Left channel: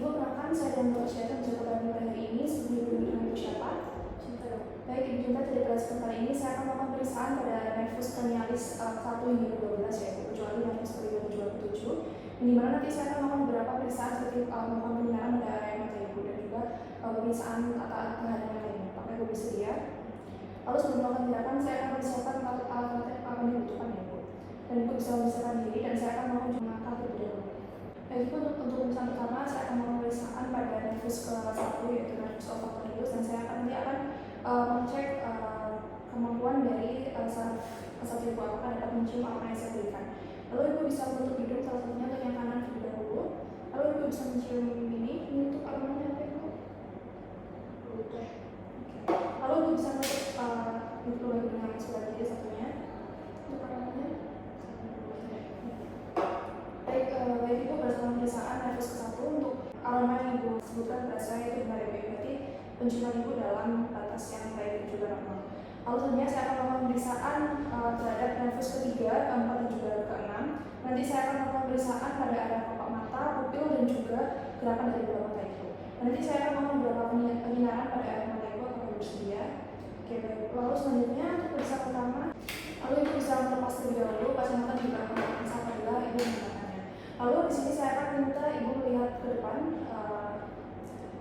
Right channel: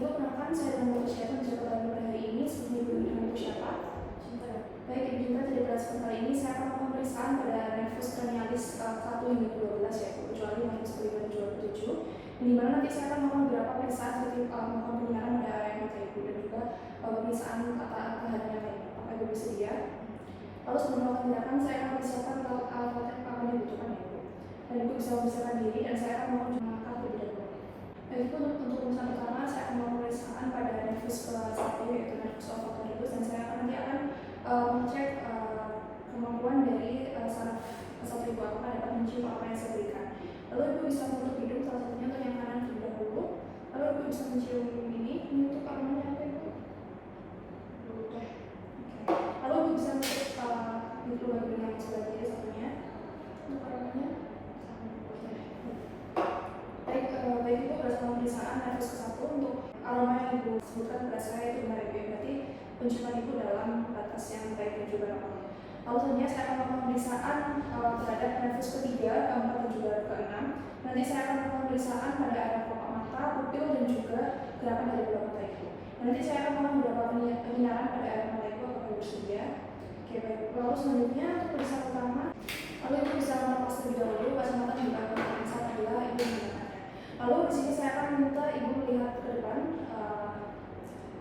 Ibu, kenalkan saya dan Bapak Syafan menjaga pagi pada hari ini sebelum Ibu dengan Ibu Syafan. Baik, Ibu Cinta, jadi pada kesempatan kali ini saya akan melakukan pemeriksaan pada nervus cranialis 1 hingga 12 ya, kecuali nervus kelima 27, di mana nanti saya akan melakukan beberapa pemeriksaan seperti melakukan penyiaran pada area mata Ibu dan juga pemeriksaan kehadiran lainnya. Apakah Ibu bersedia? Lalu sebelum melakukan tindakan, saya akan persiapkan alat-alat yang akan dibutuhkan ya, Ibu. Dan Ibu bisa mempersiapkan diri dan saya akan melakukan langkah terlebih dahulu. Baik, Ibu, untuk pemeriksaan pertama saya akan melakukan pemeriksaan pada nervus ke-1 yaitu nervus olfaktorius, dan saya nanti akan mengecek kemampuan dari saraf Ibu apakah dapat mencium apa yang saya berikan. Lalu Ibu bisa menutup hidung salah satunya ke yang kanan terlebih dahulu. Lalu Ibu bisa mencium ini untuk apa namanya Ibu? Oke. Lalu Ibu bisa menutup lubang hidung yang sebelah kiri satunya untuk apa namanya? Baik, Ibu berdasarkan pemeriksaan nervus ke-1 untuk aroma yang Ibu sebutkan pada saya itu benar Ibu, berarti penciuman Ibu dalam batas yang baik dan juga normal. Lalu selanjutnya saya akan melakukan pemeriksaan terhadap nervus ke-3, ke-4 dan juga ke-6. Nanti saya akan melakukan pemeriksaan pada area kelopak mata, pupil dan juga gerakan dari bola mata Ibu. Nanti saya akan melakukan beberapa penyinaran pada area mata Ibu apabila Ibu bersedia. Oke, baik. Lalu selanjutnya untuk pemeriksaan pertama, lalu Ibu bisa melepas terlebih dahulu kacamata di belakang mata saat apabila Ibu menggunakannya. Lalu di sini saya akan minta Ibu melihat ke depan.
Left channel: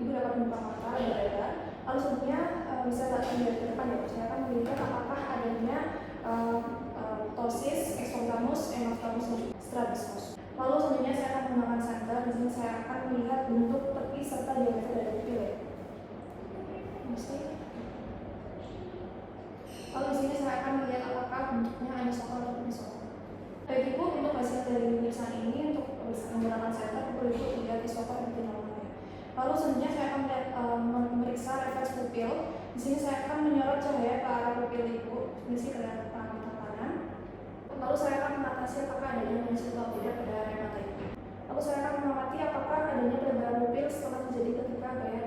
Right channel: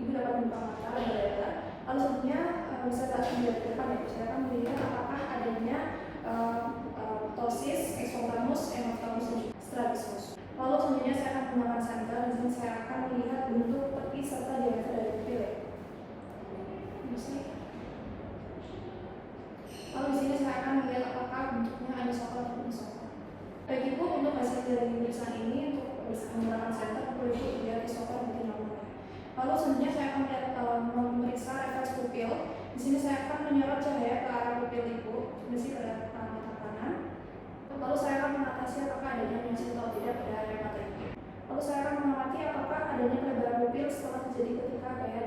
Ibu dapat membuka mata dan dada. Lalu selanjutnya bisa melihat ke depan ya. Saya akan melihat apakah adanya ptosis, exophthalmos, enophthalmos dan juga strabismus. Lalu selanjutnya saya akan menggunakan senter. Di sini saya akan melihat bentuk tepi serta diameter dari pupil ya. Lalu di sini saya akan melihat apakah bentuknya anisokal atau anisokal. Baik Ibu, untuk hasil dari pemeriksaan ini untuk menggunakan senter, Ibu lihat isokal dan normal. Lalu selanjutnya saya akan memeriksa refleks pupil. Di sini saya akan menyorot cahaya ke arah pupil Ibu, misi ke arah mata kanan. Lalu saya akan mengatasi apakah adanya mensi atau tidak pada area mata Ibu. Lalu saya akan mengamati apakah adanya pelebaran pupil setelah terjadi ketika gaya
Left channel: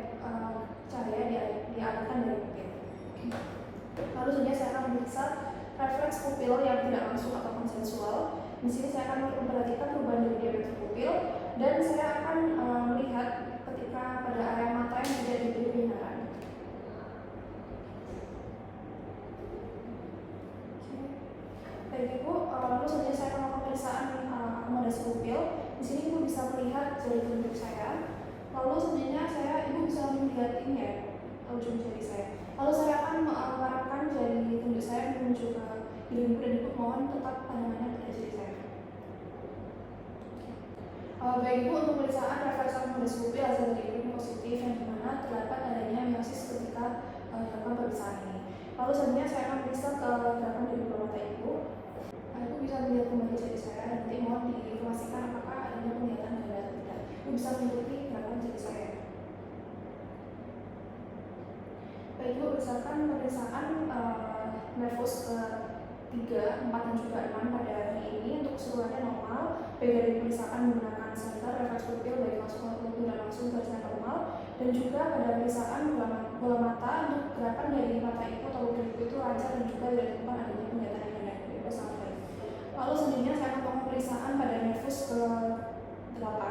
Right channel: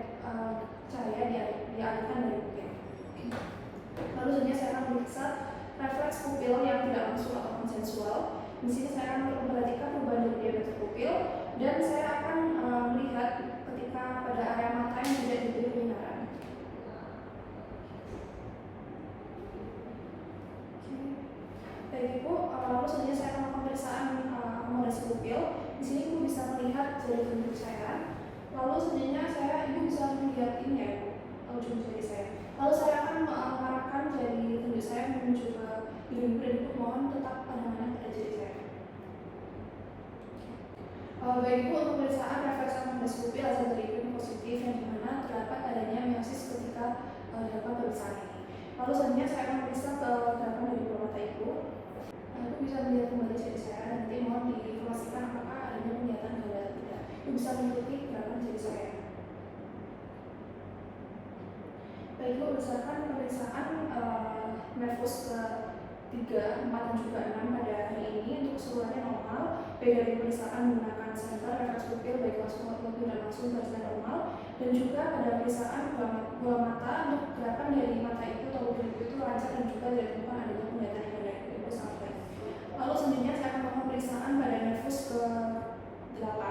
cahaya dialihkan dari pupil. Lalu selanjutnya saya akan memeriksa refleks pupil yang tidak langsung atau konsensual. Di sini saya akan memperhatikan perubahan dari diameter pupil dan saya akan melihat ketika pada area mata yang tidak diberi penyinaran. Baik Ibu, lalu selanjutnya saya akan melakukan pemeriksaan akomodasi pupil. Di sini Ibu bisa melihat jari telunjuk saya. Lalu selanjutnya Ibu bisa melihat ini ya, ujung jari saya. Lalu saya akan mengarahkan jari telunjuk saya menuju ke hidung Ibu dan Ibu mohon tetap pandangannya pada jari saya. Baik Ibu, untuk pemeriksaan refleks akomodasi pupil hasil dari Ibu positif yang dimana terdapat adanya meiosis ketika dilakukan pemeriksaan ini. Lalu selanjutnya saya akan periksa ke gerakan dari bola mata Ibu. Ibu bisa melihat kembali jari saya dan nanti mohon diinformasikan apakah adanya penglihatan pada atau tidak. Ibu bisa mengikuti gerakan jari saya. Baik Ibu, berdasarkan pemeriksaan nervus ke-3, 4 dan juga 6 pada hari ini untuk keseluruhannya normal. Baik dari pemeriksaan menggunakan senter refleks pupil baik langsung maupun tidak langsung hasilnya normal, dan juga pada pemeriksaan bola mata untuk gerakan dari mata Ibu atau pupil Ibu itu lancar dan juga tidak ditemukan adanya penglihatan pada Ibu sangat baik. Lalu selanjutnya saya akan melakukan pemeriksaan pada nervus ke-8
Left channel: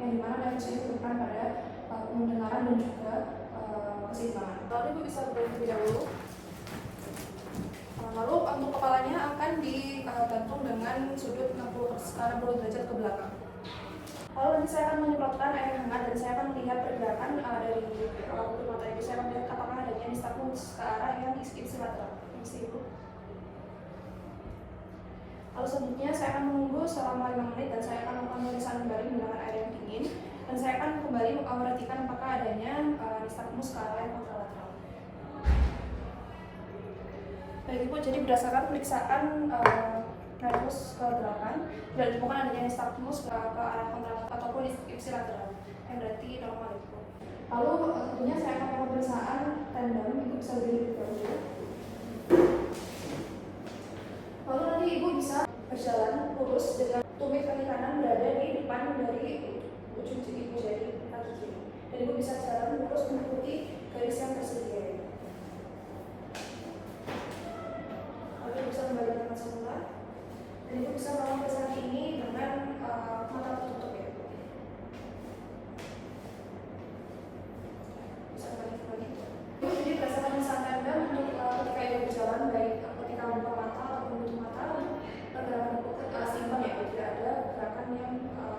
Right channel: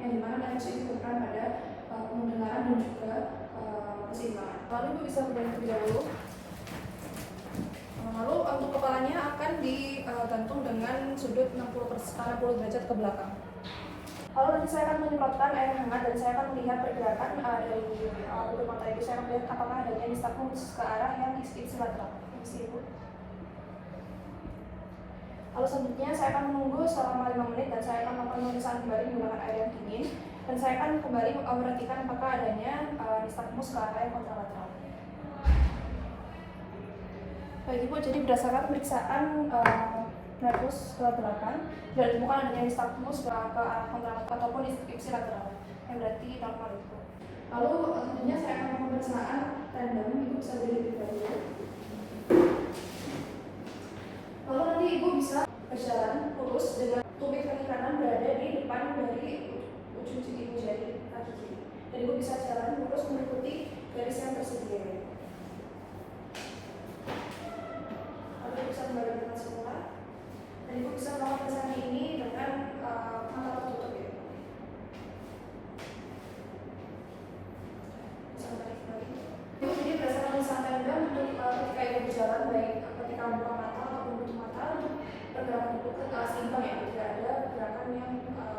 yang dimana nervus ini berperan pada pendengaran dan juga keseimbangan. Lalu Ibu bisa terlebih dahulu. Lalu untuk kepalanya akan digantung dengan sudut 60 derajat ke belakang. Lalu nanti saya akan menyemprotkan air hangat dan saya akan melihat pergerakan dari bulu mata Ibu. Saya akan melihat apakah adanya nystagmus ke arah yang ipsilateral. Permisi Ibu. Lalu selanjutnya saya akan menunggu selama 5 menit dan saya akan melakukan pemeriksaan kembali menggunakan air yang dingin dan saya akan kembali memperhatikan apakah adanya nystagmus ke arah yang kontralateral. Baik Ibu, jadi berdasarkan pemeriksaan nervus ke-8 tidak ditemukan adanya nystagmus ke arah kontralateral ataupun ipsilateral yang berarti normal Ibu. Lalu selanjutnya saya akan melakukan pemeriksaan tendon. Ibu bisa berdiri dahulu. Lalu nanti Ibu bisa berjalan lurus dengan tumit kaki kanan berada di depan dari ujung Ibu jari kaki kiri. Dan Ibu bisa jalan lurus mengikuti garis yang tersedia. Lalu Ibu bisa kembali ke tempat semula. Dan Ibu bisa melakukan pemeriksaan ini dengan mata tertutup ya.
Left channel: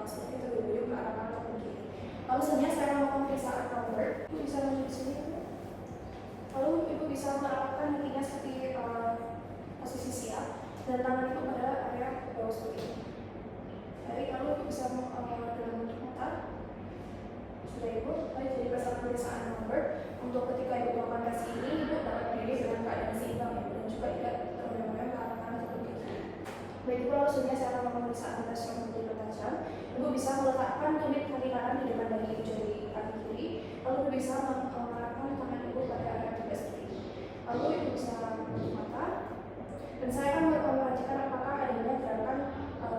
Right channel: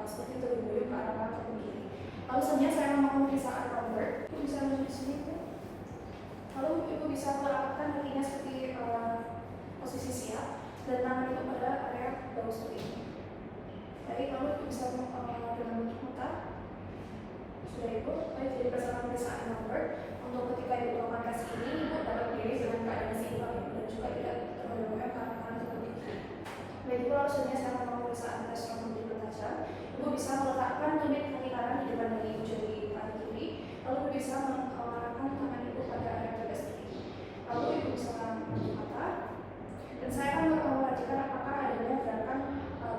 seperti itu bergayung ke arah kanan ataupun kiri. Lalu selanjutnya saya mau pemeriksaan convert. Ibu bisa maju ke sini. Lalu ibu bisa meletakkan kakinya seperti posisi siap dan tangan itu pada area bawah seperti ini. Baik, lalu ibu bisa dengan mutar. Sudah ibu, baik, jadi berdasarkan pemeriksaan convert untuk ketika ibu melakukan tes ini, ibu dapat berdiri dengan keadaan seimbang dan juga tidak tergoyang ke arah kanan ataupun kiri. Baik, ibu langsungnya saya akan pemeriksaan tes rambut dipertajam. Ibu bisa meletakkan tumit kaki kanan di depan kaki ibu jadi kaki kiri. Lalu ibu bisa mengarahkan tangan ibu pada area yang tidak seperti ini. Lalu ibu bisa menutup mata. Dan saya akan memperhatikan apakah adanya gerakan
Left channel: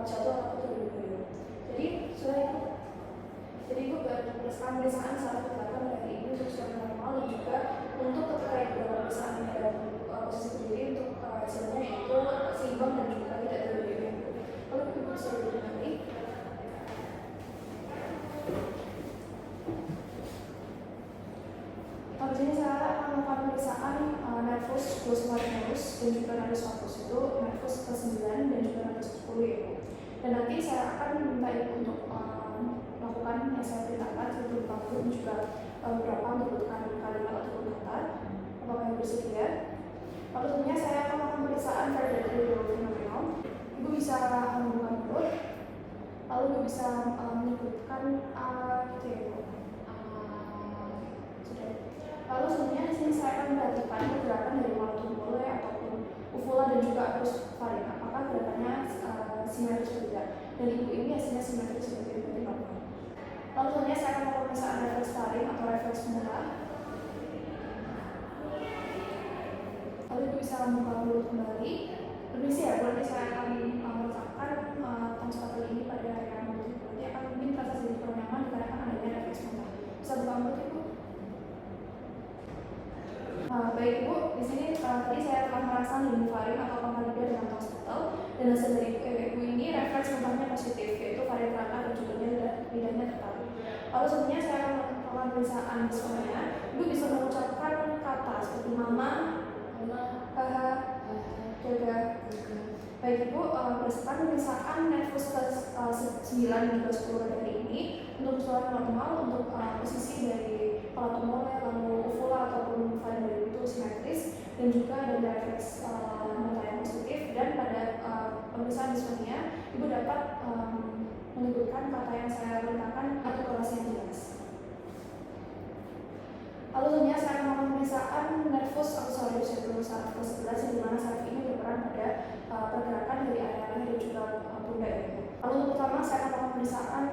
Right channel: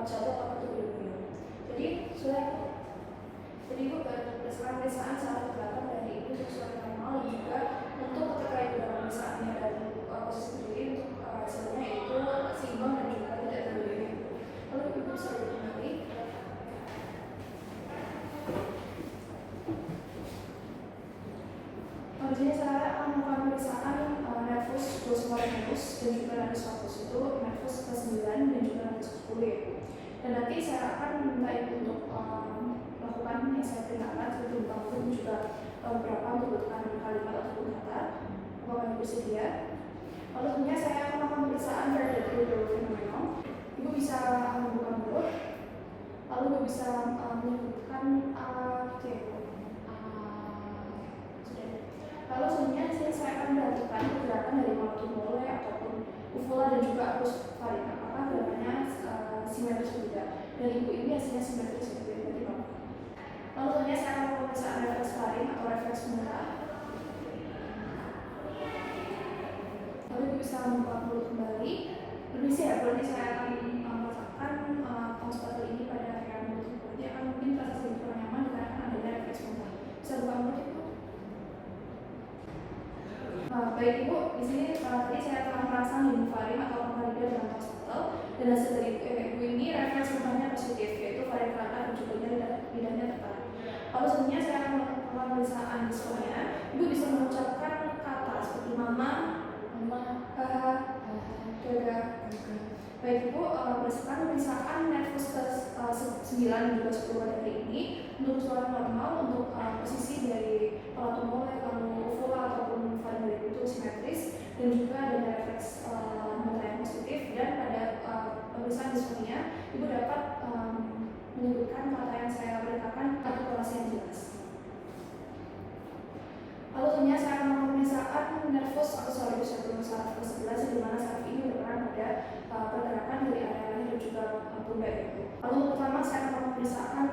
jatuh atau berdiri. Jadi sudah itu. Jadi ibu berdasarkan pemeriksaan saat ke belakang dari ibu sesuai normal dan juga untuk ketika ibu dalam pemeriksaan ini ada posisi berdiri untuk hasilnya itu seimbang dan juga tidak berdiri. Lalu ibu bisa berdiri nanti. Di sini saya akan melakukan pemeriksaan nervus glossopharyngeus dan juga nervus vagus, itu nervus ke-9 dan juga nervus ke-10 ya ibu. Dan nanti saya akan minta ibu untuk melakukan yang saya perintahkan seperti bentang dulu dan juga beberapa untuk bentukan kalimat ataupun kata. Apakah ibu bersedia? Lalu sebenarnya saya akan melakukan pemeriksaan cardiac fenomenal. Ibu bisa membuka mulut, lalu ibu bisa menyebutkan oke ibu. Lalu sebenarnya di sini saya akan memperhatikan pergerakan dari malatum mole ataupun uvula dan juga arus faring. Apakah gerakannya simetris atau tidak? Dan ibu ini hasilnya simetris seperti tadi Bapak. Lalu sebenarnya saya akan pemeriksaan refleks faring atau refleks mulut. Lalu ibu bisa membuka mulut kembali. Permisi ya, berarti saya akan meletakkan tong sepatu ini pada area mulut. Berarti akan mungkin terasa sedikit kurang nyaman dikarenakan adanya refleks muntah. Bisa buka mulut ibu. Baik ibu, di sini tadi saya telah merangsang demifaring atau pangkalida dengan tong septal dan hasil dari ibu ini refleks muntahnya positif, yaitu varian rata dan juga lidahnya tetap. Lalu sebenarnya saya akan melakukan pemeriksaan visualnya. Ibu bisa mengucapkan kata seperti mama, jaga. Baik ibu, berdasarkan pemeriksaan nervus ke-9 dan juga 10 dari ini untuk suara normal untuk posisi dari palatum mole lalu uvula ataupun faring dari itu simetris dan juga ada refleks mata yang positif dan pada pemeriksaan visualnya ibu dapat menyebutkan kata yang saya perintahkan atau korelasi yang jelas. Lalu selanjutnya saya akan pemeriksaan nervus atau saraf yaitu saraf ke-11 di mana saraf ini berperan pada pergerakan dari area mana dan juga pundak itu. Lalu untuk pertama saya akan pemeriksaan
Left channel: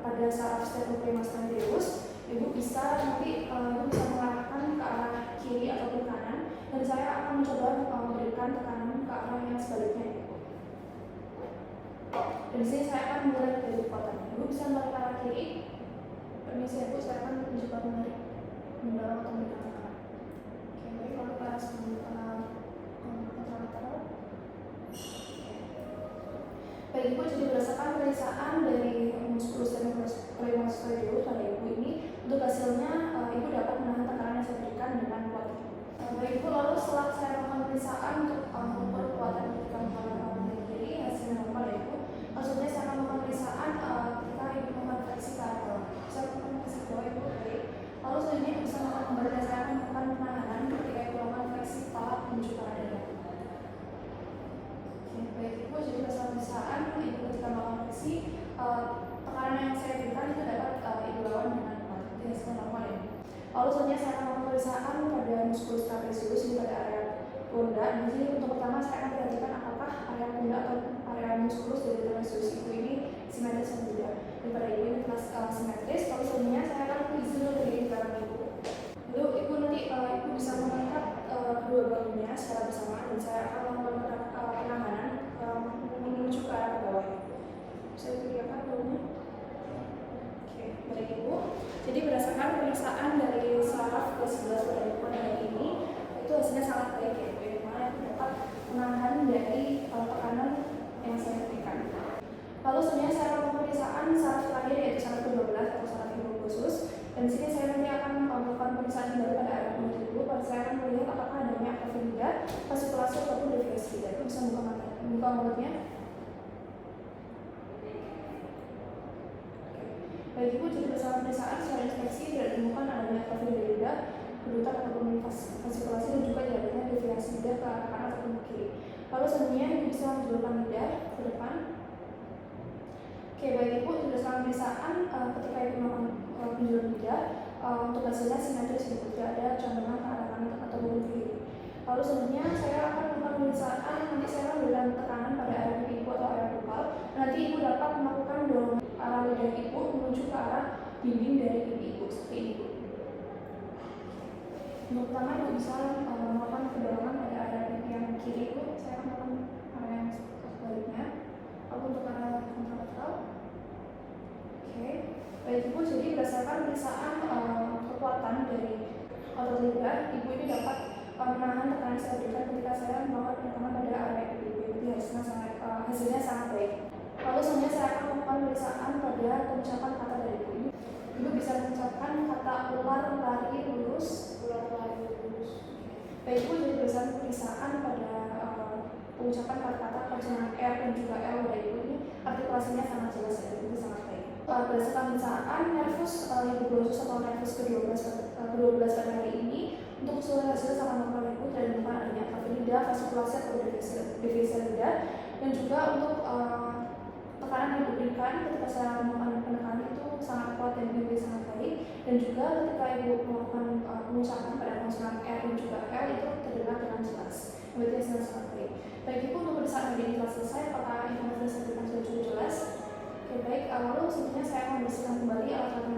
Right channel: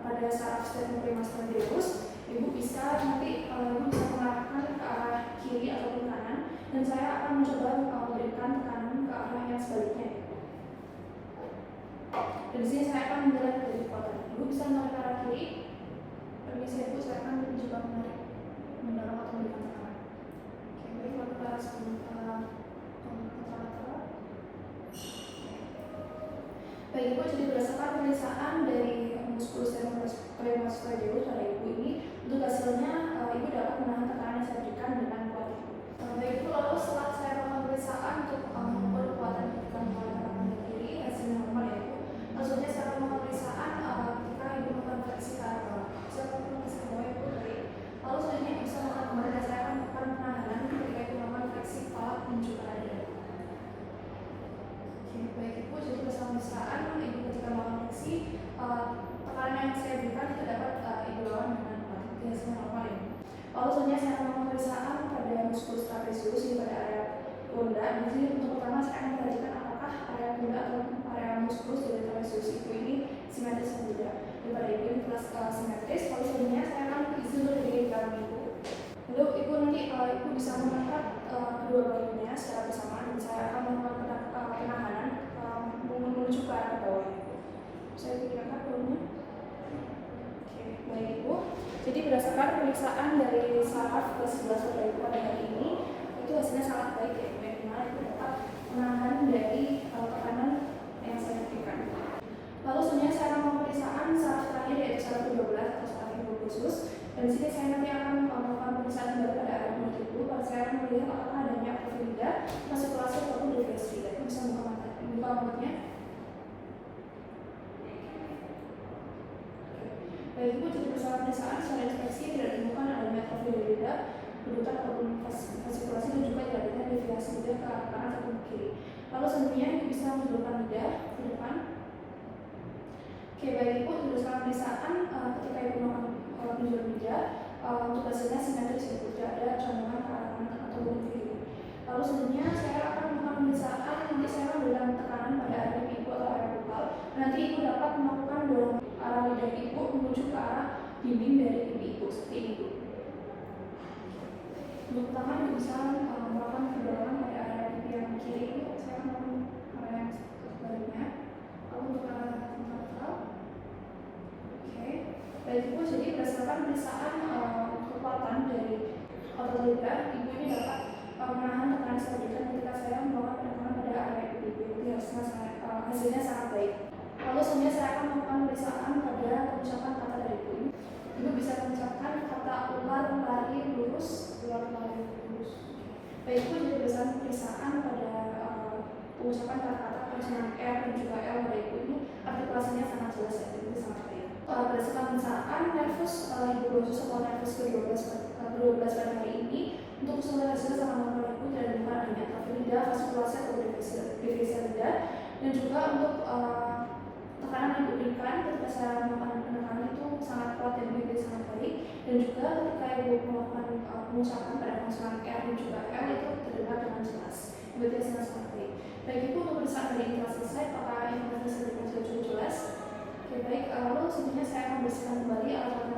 pada saraf sternocleidomastoideus. Ibu bisa nanti ibu bisa mengarahkan ke arah kiri ataupun kanan dan saya akan mencoba memberikan tekanan ke arah yang sebaliknya. Dan di sini saya akan memulai dari kekuatan. Ibu bisa menarik ke arah kiri. Permisi ibu, saya akan mencoba menarik, mendorong atau memberikan tekanan. Oke, baik, lalu ke arah sebelum kontralateral. Baik ibu, jadi berdasarkan pemeriksaan dari muskulus sternocleidomastoideus pada ibu ini, untuk hasilnya ibu dapat menahan tekanan yang saya berikan dengan kuat ibu. Baik ibu, lalu setelah saya melakukan pemeriksaan untuk mengukur kekuatan yang diberikan kepada kanan kiri, hasilnya normal ya ibu. Maksudnya saya akan melakukan pemeriksaan ketika ibu melakukan fleksi ke arah bawah. Saya akan fleksi ke bawah ibu, baik. Lalu selanjutnya bisa melakukan kembali dan saya akan melakukan penahanan ketika ibu melakukan fleksi kepala menuju ke arah dada. Oke, baik ibu, jadi berdasarkan pemeriksaan ibu ketika melakukan fleksi tekanan yang saya berikan itu dapat ibu lawan dengan kuat. Itu hasilnya normal ya. Lalu selanjutnya saya akan melakukan pemeriksaan pada muskulus trapezius di pada area pundak. Di sini untuk pertama saya akan perhatikan apakah area pundak atau area muskulus dari trapezius itu ini simetris atau tidak. Daripada ibu ini plus simetris, lalu selanjutnya saya akan izin dari dalam ibu. Lalu ibu nanti ibu bisa mengangkat kedua bahunya secara bersamaan dan saya akan melakukan penahanan menuju ke arah bawah. Saya angkat bahunya. Oke, baik ibu. Jadi berdasarkan pemeriksaan dari saraf ke-11 pada ibu pada hari ini, itu hasilnya sangat baik ya ibu. Dimana ibu dapat menahan dari tekanan yang saya berikan. Lalu sebenarnya saya akan pemeriksaan saraf terakhir yaitu saraf ke-12 atau saraf hipoglosus. Dan di sini saya nanti akan melakukan pemeriksaan kembali pada area mulut ibu. Saya akan melihat apakah adanya akrofilia, fascikulasi ataupun refleksi. Ibu bisa buka mulutnya. Baik Ibu, jadi berdasarkan pemeriksaan secara inspeksi tidak ditemukan adanya trafik berbeda, berputar ataupun faskulasi dan juga tidak adanya deviasi lidah ke arah kanan ataupun ke kiri. Lalu selanjutnya Ibu bisa menjulurkan lidah ke depan. Oke, baik Ibu, berdasarkan pemeriksaan ketika Ibu melakukan penjuluran lidah, untuk hasilnya simetris Ibu, tidak ada condongan ke arah kanan ataupun ke kiri. Lalu selanjutnya saya akan melakukan pemeriksaan, nanti saya akan berikan tekanan pada area pipi Ibu atau area bukal. Nanti Ibu dapat melakukan dorong arah lidah Ibu menuju ke arah dinding dari pipi Ibu, seperti itu. Untuk pertama Ibu bisa melakukan pendorongan pada area pipi yang kiri Ibu, saya akan melakukan area yang sebaliknya. Lalu untuk arah lateral. Oke, baik Ibu, jadi berdasarkan pemeriksaan kekuatan dari otot lidah, Ibu ini dapat menahan tekanan yang saya berikan ketika saya melakukan penekanan pada area pipi Ibu. Jadi hasilnya sangat baik. Lalu selanjutnya saya akan melakukan pemeriksaan pada pengucapan kata dari Ibu. Ibu bisa mengucapkan kata ular, lari, lurus, ular, lari, lurus. Baik Ibu, jadi berdasarkan pemeriksaan pada pengucapan kata-kata konsonan R dan juga L dari Ibu ini artikulasinya sangat jelas ya, jadi sangat baik. Berdasarkan pemeriksaan nervus Ibu Brosus atau nervus ke-12 pada hari ini, untuk hasilnya sama normal Ibu tidak ditemukan adanya trafik lidah, faskulasi atau deviasi lidah, dan juga untuk tekanan yang diberikan ketika saya melakukan penekanan itu sangat kuat dan sangat baik, dan juga ketika Ibu melakukan pengucapan pada konsonan R dan juga L itu terdengar dengan jelas, berarti sangat baik. Baik Ibu, untuk pemeriksaan hari ini telah selesai. Apakah informasi yang saya berikan sudah cukup jelas? Oke, baik. Lalu selanjutnya saya akan membersihkan kembali alat-alat